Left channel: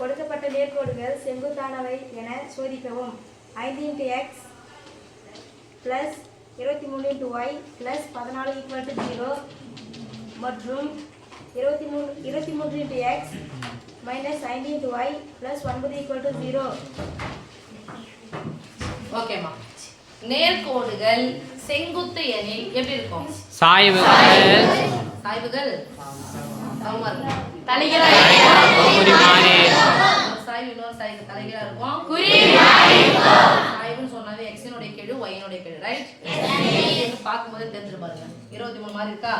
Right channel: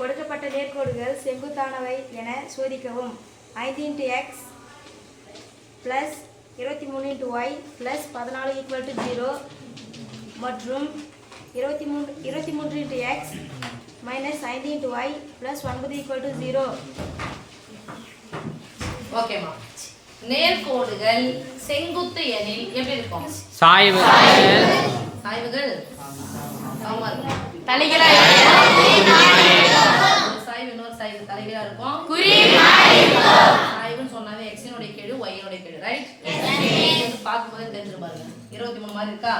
கொடுக்கப்பட்ட நேர்கோடுகள் செங்குத்தானவை என சோதிக்கவும். 5 × x + 23 × y + 14 = 0 மற்றும் 23 × x - 5 × y + 9 = 0. ஓகேமா. நேர்கோடுகள் செங்குத்து எனில் எப்படி இருக்கும்? சாய்வுகள் தலைகீழா சாய்வு இன்னொரு சாய்வு தலைகீழா இருக்கும். சாய்வுன்னு சொன்னாலே x னுடைய கெழு y னுடைய கெழு, ரைட்? இது பாக்கும்போது தெரிஞ்சிரு பாருங்க. 23 மாதிரி இருக்கா?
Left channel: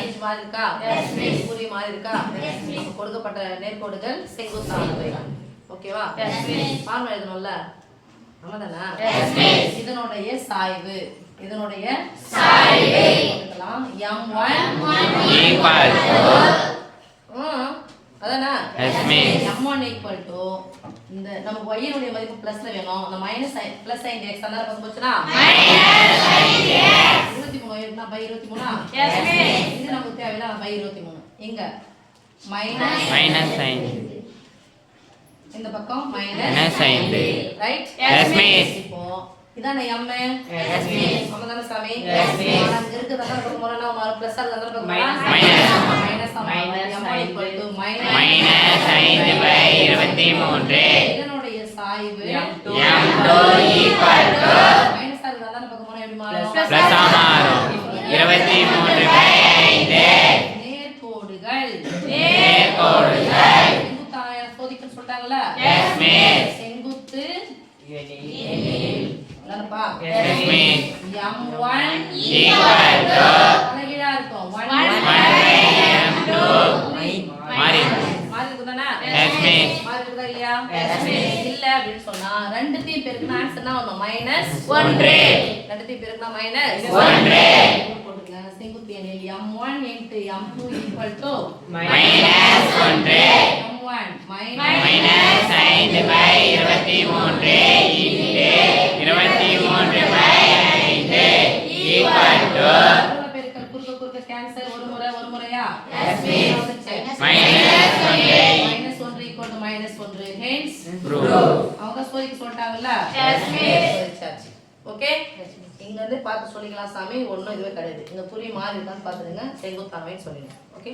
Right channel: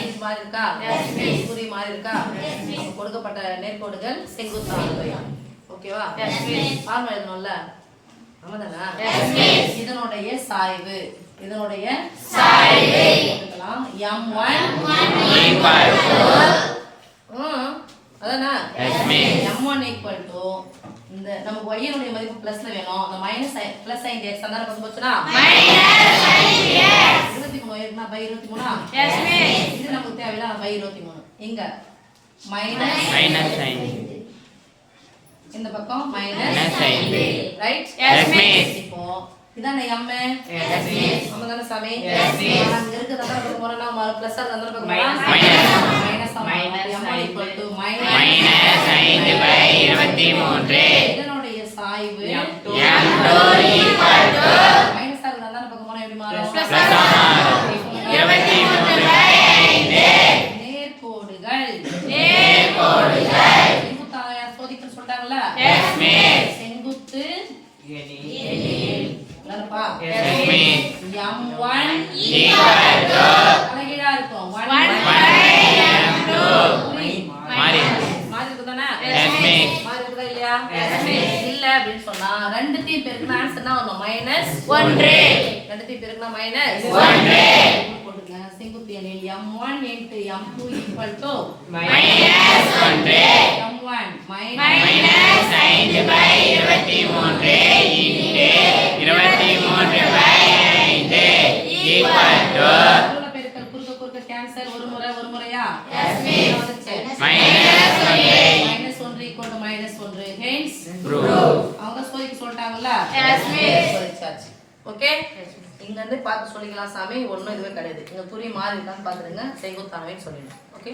5 மாதிரி இருக்கா? குறி மாதிரி இருக்கா? நம்ம கொடுக்கப்பட்ட நேர்கோடுகள் செங்குத்தானவை. ஓகேவா? ஃபார்முலா எழுதணும்ல? ஆமாதானா? இதனுடைய சாய்வு எடுக்கலாம். அதானா? m1 = இந்த நமக்கு y னுடைய மதிப்பு பிளஸ்ல வேணும். அந்த மைனஸ் sin x அந்த பக்கம் போச்சுனா -23 இருக்குனா /23 இது நமக்கு தேவையில்லை. /23 இங்க மைனஸ் sin இந்த பக்கம் minus sin, right? Yes miss. இப்போ இதானே m. Yes miss. நம்மதான சாமி? Yes miss. அங்க இருக்கு தந்தர பக்கம் போறா நம்ம பிளஸ் ஆ தந்தர பக்கம் போறா மைனஸ் m - 5/23. இதனுடைய சாய்வு m2 மைனஸ் ஆ தந்தர பக்கம் போனா எப்படி மாறும்? பிளஸ் ஆ மாறும். 23/5. நேர்கோடுகள் செங்குத்தாய சோதிக்க சொல்றாங்கல? Yes miss. செங்குத்து எனில் என்னப்பா? Yes miss. m1 தலைகீழா இருக்கும். 1/m2 மாறி இருக்குதானே? Yes miss. மாறி இருக்குதா இல்லையா? Yes miss. இல்ல அப்படி சொன்னா ரெண்டுத்தையும் பெருக்கினா ஆன்சர் என்ன வரும்? -1. ரெண்டுத்தையும் பெருக்கினா -1 போடுங்க. செங்குத்து எனில் m1 × m2 = -1. m1 -5/23 = பெருக்கல் குறுக்க கேன்சல் ஒரு முறையா? Yes miss. -1 = hence அவங்க சோதிக்க சொல்லிட்டாங்கல்ல? Yes miss. ஓகே, இங்க இருந்து பார்த்து சொல்லிக்கலாம் சாமி. ஒண்ணும் இதுவே கிடையாது. இங்க புரிய மாதிரி இருக்கான்னு பாத்துடுங்க. செங்குத்தானவே சொல்லிடுங்க. ஓகே.